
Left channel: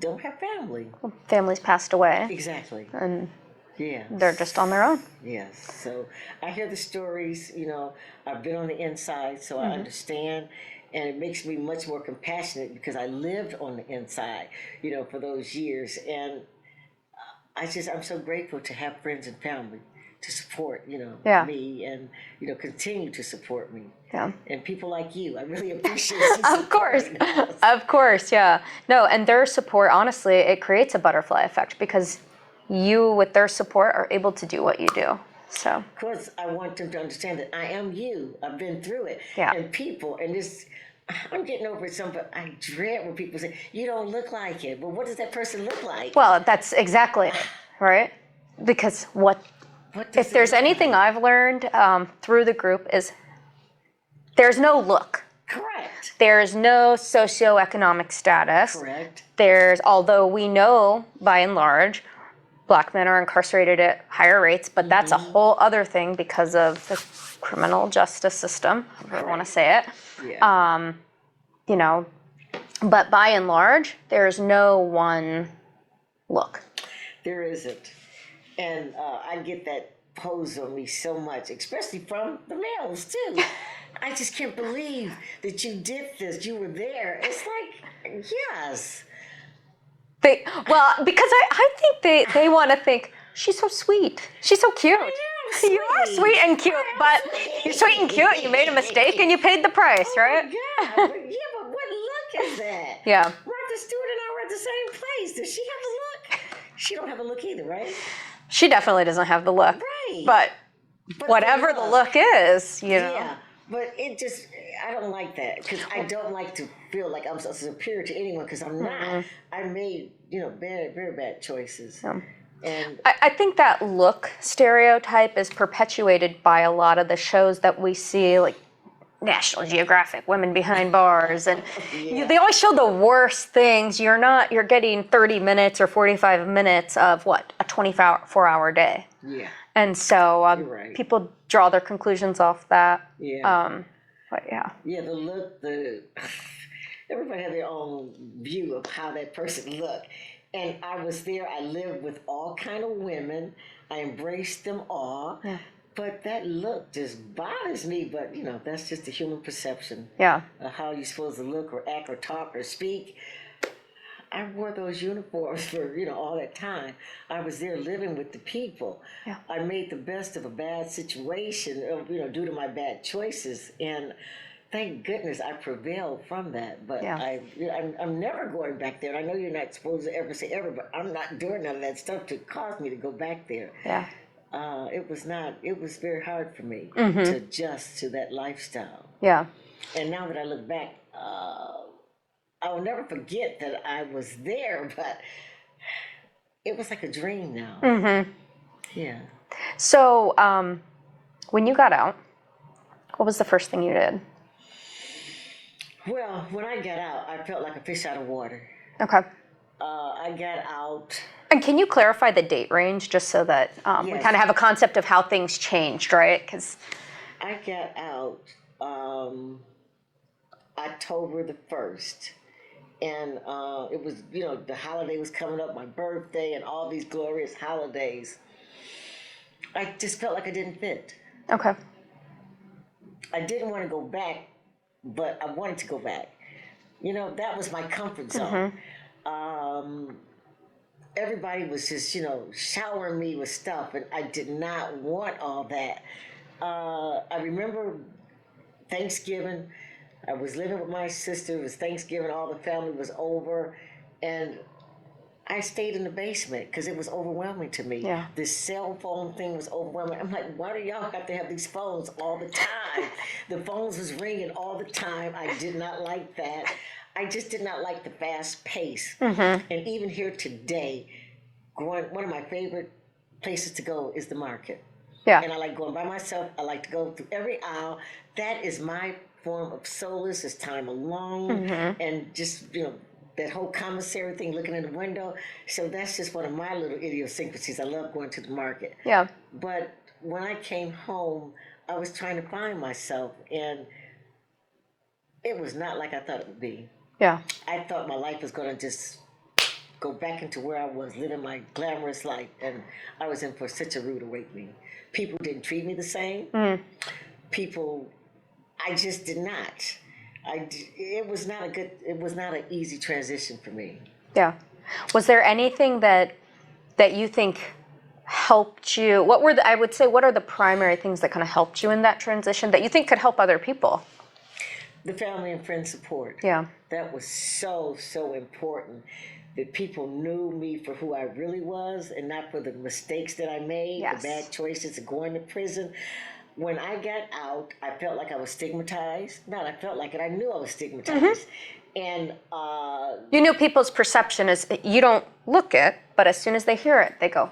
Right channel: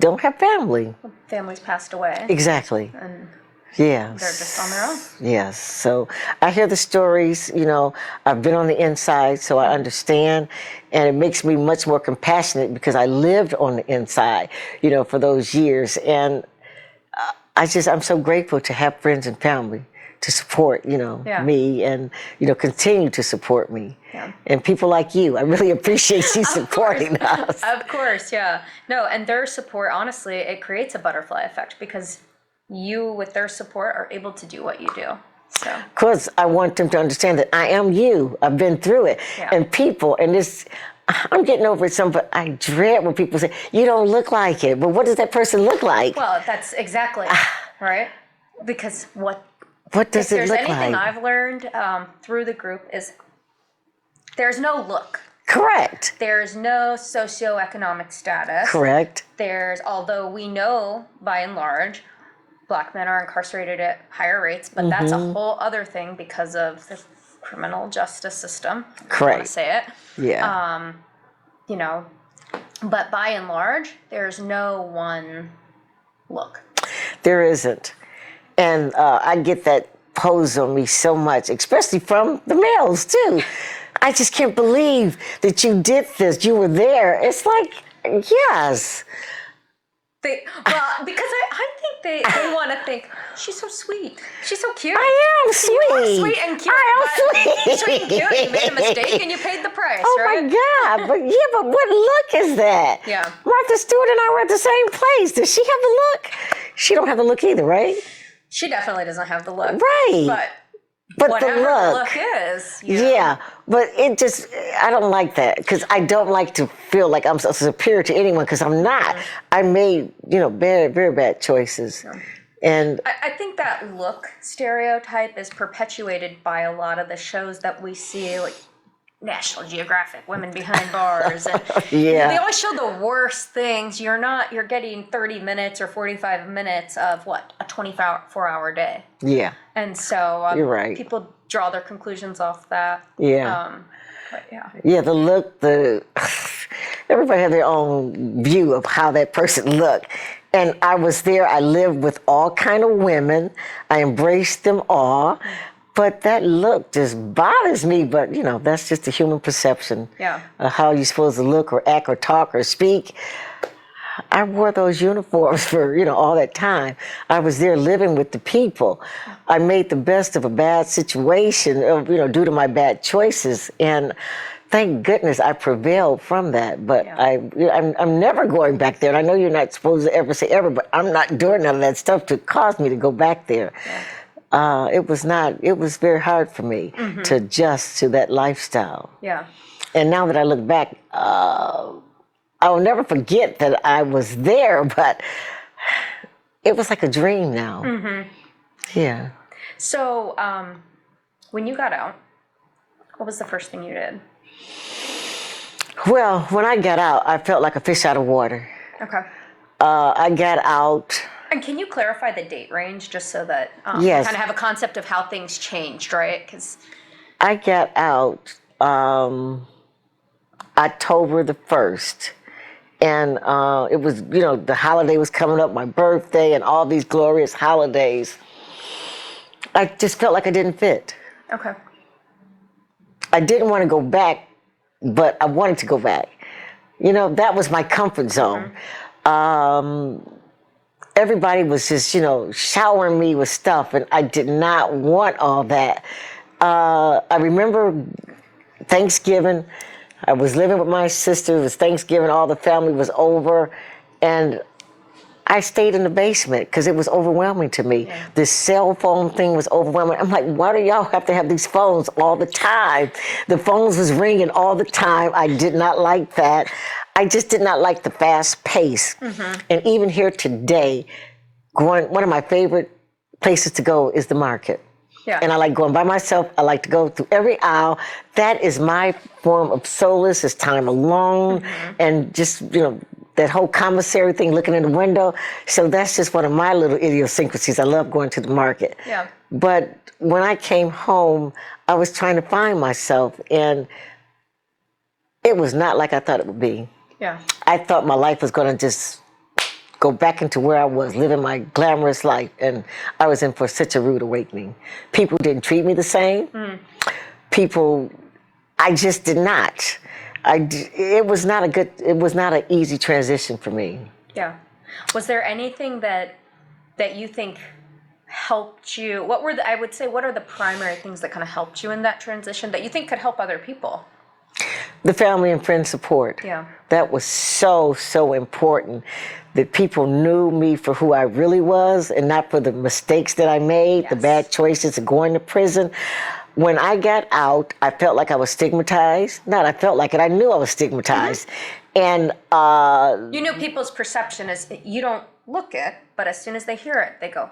don't have family. Families passed away. Exactly. And yeah. they're just on their own. Yes. So I hear the stories, I've been on the inside, so I understand. And it makes me much more compassionate because I lived on the inside, for those years. And I'm so grateful to have friends and family to support, me and, continue to support me. Yeah. And people like you, I really appreciate you supporting us. Of course, yeah. No, and their support, honestly, it creates a butterfly effect because you, with their support, are able to do what you do. So. Because I want them to understand that I am you. I've been through it. Yeah. And people, I'm getting over it some, but I dread when people say, you don't look like it. But what does that person look like? Well, that's exactly it, right? Because what does it look like? If there's anything I've learned through the group is there's no look. Correct. There's no socioeconomic status. Correct. Although we know, by and large, Black men are incarcerated at higher rates, but that's a whole other thing because of the criminal justice system. Correct. I want to say it. Yeah. But by and large, there's no one look. There isn't. And I get that posed on me so much, especially from the males, too. I just can't believe that you did this. You were there. It's like, yes. Because I think they want to think, she's so sweet. She's so cute. I am sweet. You are sweet and cute. Sweet. Sweet and cute. You made a mistake and you paid the price, oh right? Oh, my God. But what look is that? Yeah. Martha Stewart and I were at the same place. Does she have the look? She don't have the look either, right? She definitely doesn't have the look. Right. But whatever the look is, you know. Yeah, but it just, I don't like that because I don't like to feel like I'm superior to anyone because I'm not. I made, bad, very bad choices. And I think that look stereotype is perpetuated by a lot of the shows that we see, like National Geographic, Women Behind Bars, and they always show the worst things. You're getting 30 minutes or 45 minutes of what, a 24-hour day. Yeah. And so You're right. people draw their conclusions off that. Yeah. But yeah. Yeah, the look, everybody had their own view of how that person looked. And I was there, I lived with all kind of women. I embraced them all. But that look just bothers me, but that's just a human perception. Yeah. Of how you're supposed to look or act or talk or speak. I wore those uniforms for, all that time. I was there living with the people. I made the best of a bad situation, due to my bad choices. And thank goodness I prevailed from that. But I'm never going back there. And I know you're not supposed to ever say ever, but I'm not doing none of that stuff to cause me to go back there. Yeah. It was very hard for me to adjust to that lifestyle. Yeah. And now that I look back, I will never forget that I was there, but it was like a dream now. Yeah. So when you got out, what was the first thing you did? Well, when I got out, I felt like a fish out of water. Okay. I got out. And can you clarify the date range just so that we kind of have a concept of how things changed, right? Because I got out October the 1st. And it was, the holiday was coming up, my birthday, and all these glorious holidays. I just felt like I didn't fit. Okay. I didn't want to go back, but I wanted to go back. That was my comfort zone. Everybody was just, showering me with stuff, and I did not want all that. I remember Thanksgiving. I was living with my sister. It was Thanksgiving. All the family was over. And I stayed in the basement because it was overwhelming to me. Yeah. This cell phone thing was overwhelming. I'm like, why do y'all have to have these phones all the time? The phones was ringing all the time. I did not like that. I just did not like the fast pace. And even here today, one of my favorite places to go is the market. Yeah. And I like going by myself. I like to go through every aisle. That is my form of solace. It's time alone. And just, that whole commissary thing, looking in the window. So that's just one of my little idiosyncrasies. I love going to the market. Yeah. But when I came home, I was trying to find myself. And it was not like I thought it would be. Yeah. I thought my life was going to just go back into where I was, living my glamorous life, and I was in for such a rude awakening. People didn't treat me the same. I just did not. It was not an easy transition for me. Yeah. Was there anything that you think helped you? What are the primary things that kind of helped you in that transition that you think could help other people? The family and friend support. Yeah. That was so, so important. That people knew me for who I really was and not for the mistakes that I made, the bad choices of going to prison. When I got out, I felt like I was stigmatized. Not I felt like it, I knew I was stigmatized. And you knew people's perception is you don't look it, but as soon as they hear it, they go,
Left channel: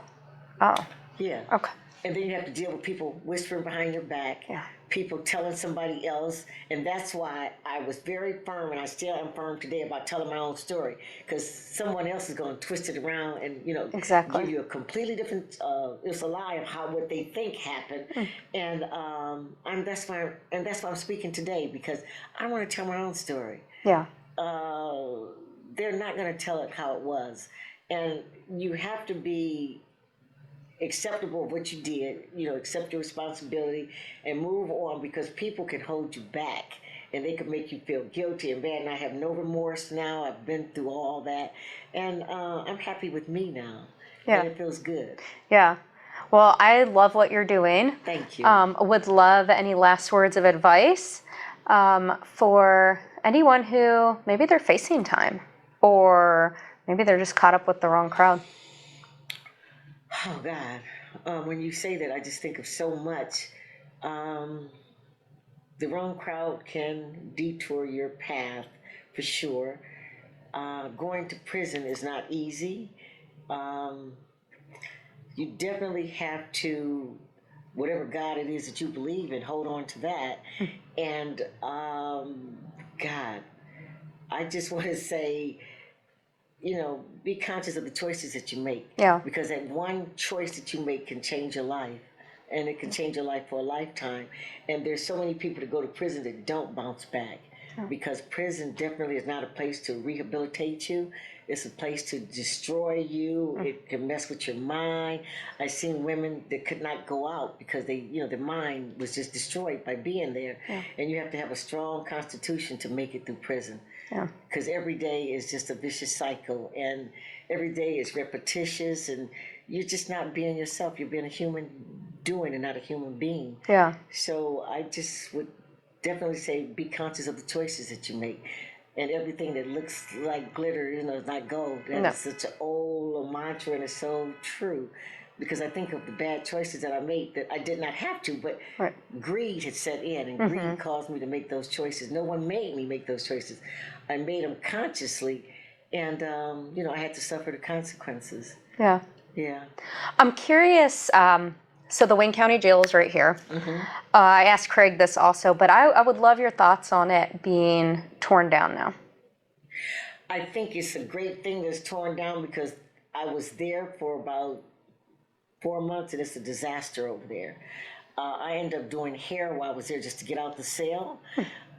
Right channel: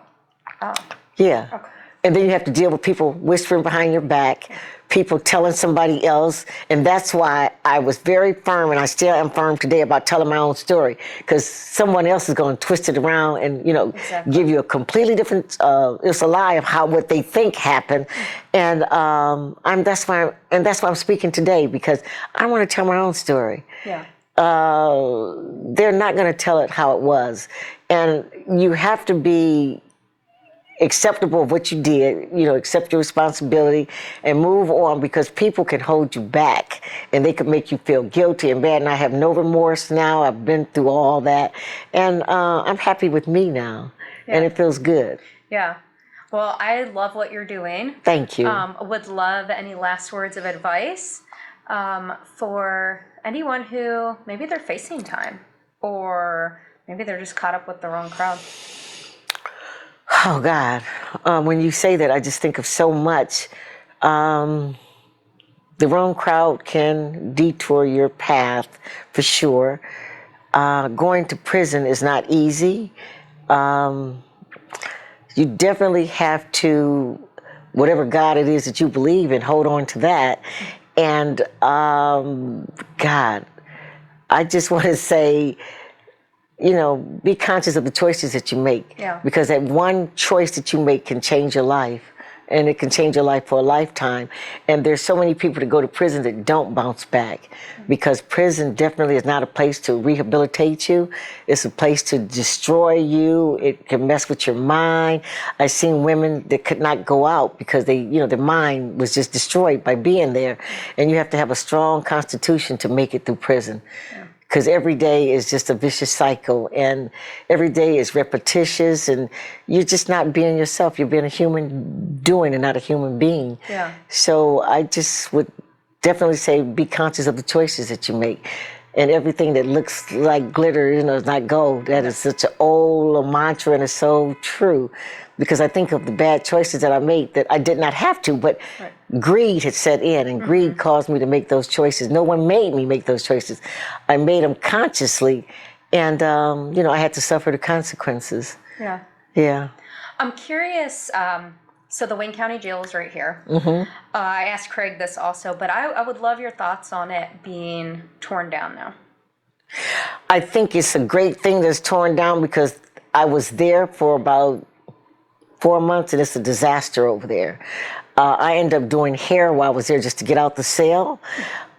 oh. Yeah. Okay. And then you have to deal with people whispering behind your back, people telling somebody else. And that's why I was very firm, and I still am firm today about telling my own story, because someone else is going to twist it around and, give you a completely different, it's a lie of what they think happened. And that's why I'm speaking today, because I want to tell my own story. Yeah. They're not going to tell it how it was. And you have to be acceptable of what you did, accept your responsibility and move on, because people can hold you back and they could make you feel guilty and bad. And I have no remorse now. I've been through all that. And I'm happy with me now. Yeah. And it feels good. Yeah. Well, I love what you're doing. Thank you. Would love any last words of advice for anyone who maybe they're facing time or maybe they're just caught up with the wrong crowd. Oh, God. When you say that, I just think of so much. The wrong crowd can detour your path, for sure. Going to prison is not easy. You definitely have to, whatever God it is that you believe in, hold on to that. And, God, I just want to say, be conscious of the choices that you make. Yeah. Because that one choice that you make can change your life. And it can change your life for a lifetime. And there's so many people that go to prison that don't bounce back. Because prison definitely is not a place to rehabilitate you. It's a place to destroy you. It can mess with your mind. I've seen women that could not go out because their mind was just destroyed by being there. And you have to have a strong constitution to make it through prison. Because every day is just a vicious cycle, and every day is repetitious, and you're just not being yourself. You're being a human doing and not a human being. Yeah. So I just would definitely say be conscious of the choices that you make. And everything that looks like glitter, is not gold. That is such an old mantra, and it's so true. Because I think of the bad choices that I made that I did not have to, but greed had set in, and greed caused me to make those choices. No one made me make those choices. I made them consciously, and I had to suffer the consequences. Yeah. Yeah. I'm curious, so the Wayne County Jail is right here. I asked Craig this also, but I would love your thoughts on it being torn down now. I think it's a great thing that's torn down because I was there for about 4 months, and it's a disaster over there. I ended up doing hair while I was there just to get out the cell.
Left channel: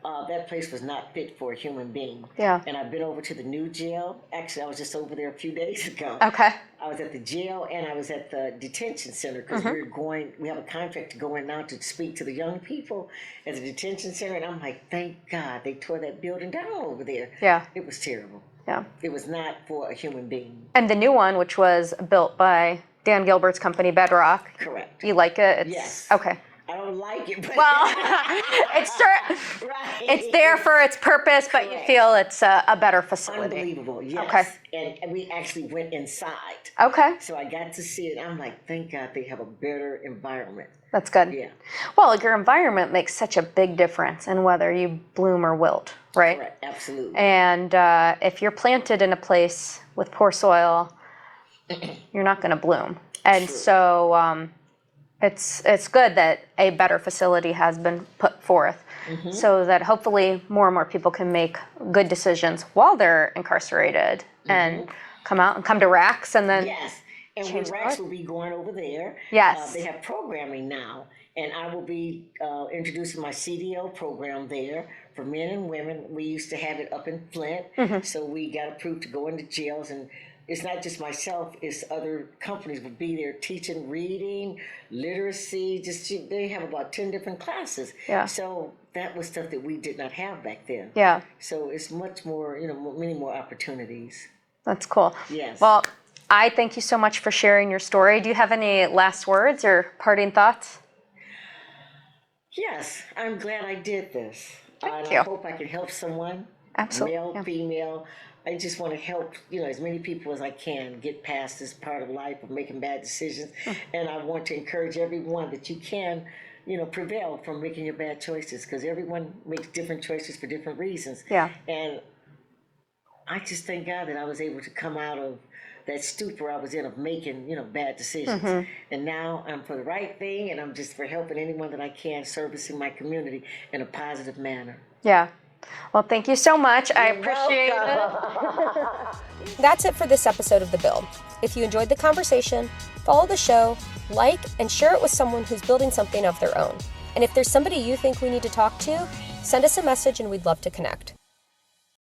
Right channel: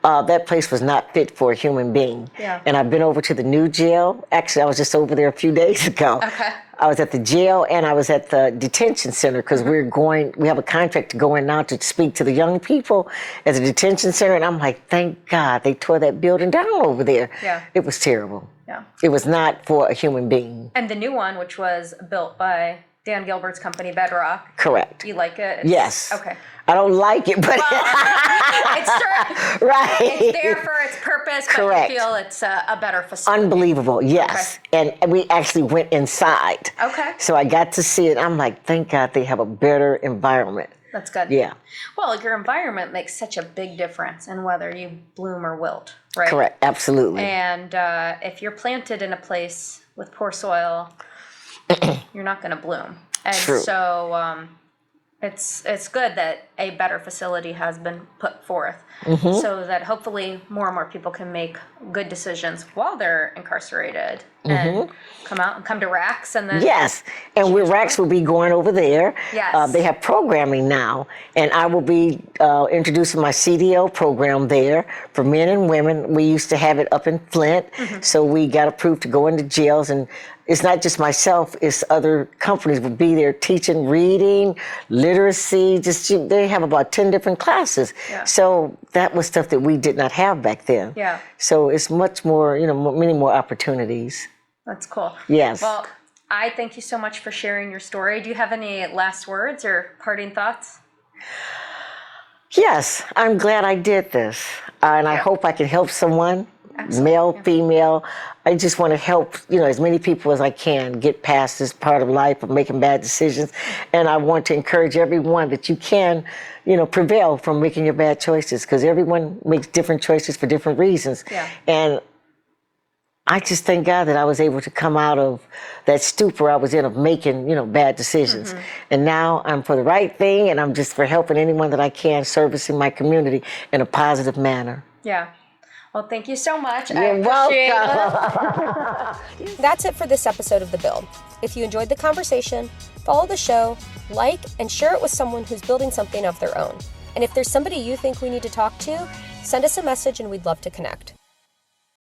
That place was not fit for a human being. Yeah. And I've been over to the new jail. Actually, I was just over there a few days ago. Okay. I was at the jail and I was at the detention center because we have a contract to go in now to speak to the young people at the detention center. And I'm like, thank God they tore that building down over there. Yeah. It was terrible. Yeah. It was not for a human being. And the new one, which was built by Dan Gilbert's company, Bedrock. Correct. You like it? Yes. Okay. I don't like it, but right. It's there for its purpose, but Correct. you feel it's a better facility. Unbelievable, yes. Okay. And we actually went inside. Okay. So I got to see it. I'm like, thank God they have a better environment. That's good. Yeah. Well, your environment makes such a big difference in whether you bloom or wilt, right? Correct, absolutely. And if you're planted in a place with poor soil, you're not going to bloom. And True. so it's good that a better facility has been put forth so that hopefully more and more people can make good decisions while they're incarcerated and come out and come to RAKs and then... Yes, and RAKs will be going over there. Yes. They have programming now, and I will be introducing my CDL program there for men and women. We used to have it up in Flint, so we got approved to go into jails, and it's not just myself, it's other companies will be there teaching reading, literacy, they have about 10 different classes. Yeah. So that was stuff that we did not have back then. Yeah. So it's much more, many more opportunities. That's cool. Yes. Well, I thank you so much for sharing your story. Do you have any last words or parting thoughts? Yes, I'm glad I did this. And I hope I can help someone, Absolutely. male, female. I just want to help, as many people as I can get past this part of life of making bad decisions. And I want to encourage everyone that you can, prevail from making your bad choices, because everyone makes different choices for different reasons. Yeah. And I just thank God that I was able to come out of that stupor I was in of making, bad decisions. And now I'm for the right thing, and I'm just for helping anyone that I can, servicing my community in a positive manner. Yeah. Well, thank you so much. I You're appreciate welcome. it. That's it for this episode of The Build. If you enjoyed the conversation, follow the show, like, and share it with someone who's building something of their own. And if there's somebody you think we need to talk to, send us a message and we'd love to connect.